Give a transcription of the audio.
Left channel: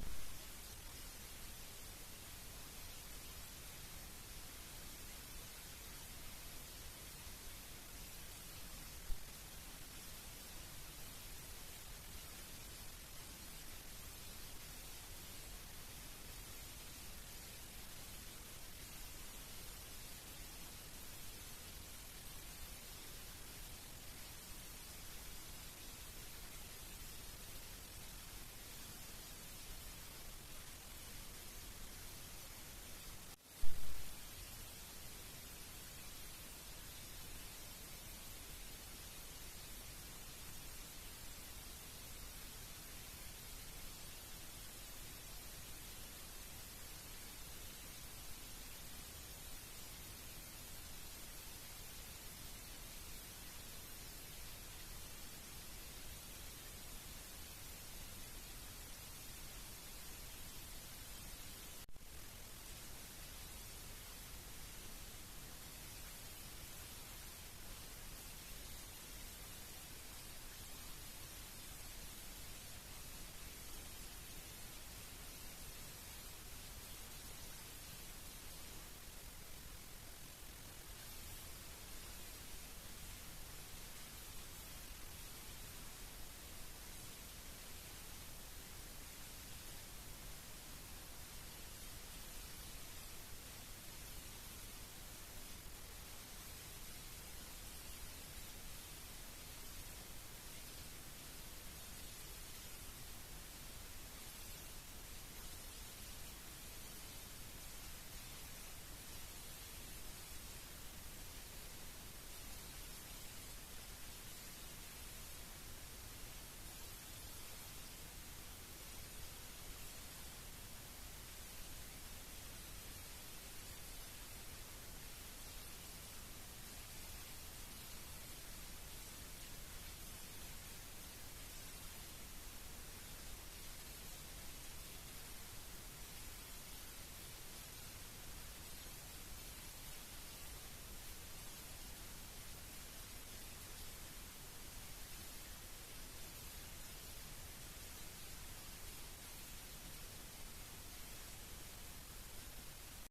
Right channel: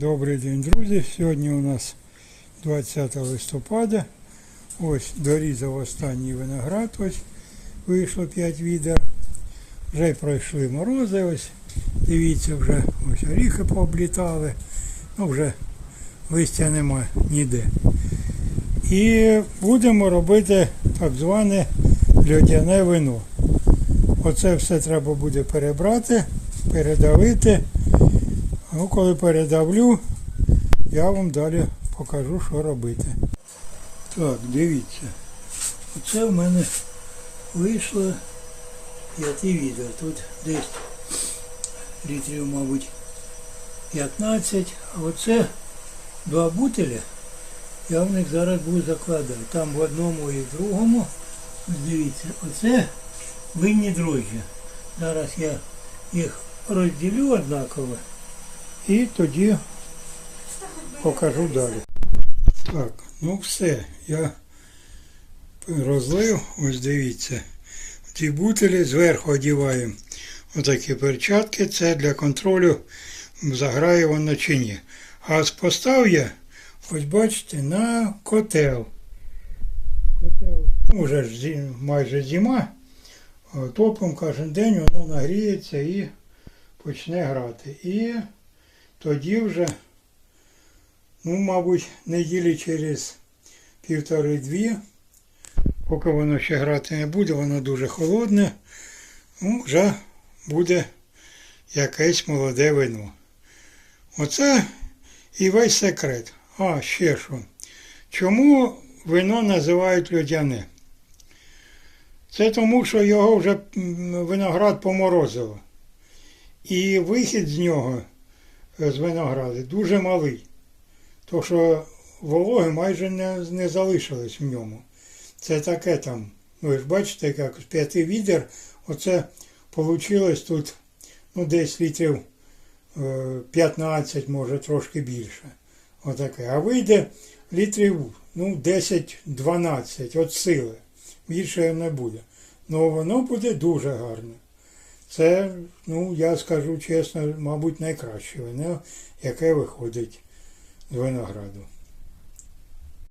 Добрий день, друзі. Сьогодні у нас 20 листопада. Ось дорізав останній виноград. Ось вийшло 5 відер. Вже пройшли морози. Ось дивіться, вже ось оріхи пооблітали. Ну вже листя нема ніде. І будемо робити так зване льодяне вино. Оце все треба буде перебрати, передавити. Ну, коли передавлю, я вам далі покажу, що робити. Так, дивіться. Оце в мене вийшло п'яти відер. Тут десь літрів, мабуть, 15, а оце два бутиля. Я в них зараз буду закладати. Там в одному і в другому. Дивіться, оце винні дрожжі. Зараз я їх розділю однаково. І тоді покажу далі. Так, ну все, я розлив, ось дивіться. Ці бутилі зверху одіваємо отакі перчатки. Це для контролю, заграє воно чи ні. А постав я, ось бачите, на котел. Котел. Ну, вже ж майже зима. Топом кожен день воно нагріється і почне грати. І тоді вже, ну, мабуть, неділі через півтори-дві, поки воно ще грати не буде, воно дуже холодне, ну, вже буде якесь молоде вино. Оце і весь секрет. А, ще що. Чому вино називають льодяне? Це тому, що його вже виноград поморозило. І вихід з нього з винограду дуже малий. То що вологи майже не, не залишилось в ньому. Це таке там, ви ж бачите, як з п'яти відер, оце вийшло тут ну, десь літрів е, 15, може трошки більше. Отаке. А вийде літрів ну, 10-12 от сили. Більше не буде. Ну воно буде дуже гарно. Це, ну, я скажу чесно, мабуть, найкраще вино, яке виходить з винограду.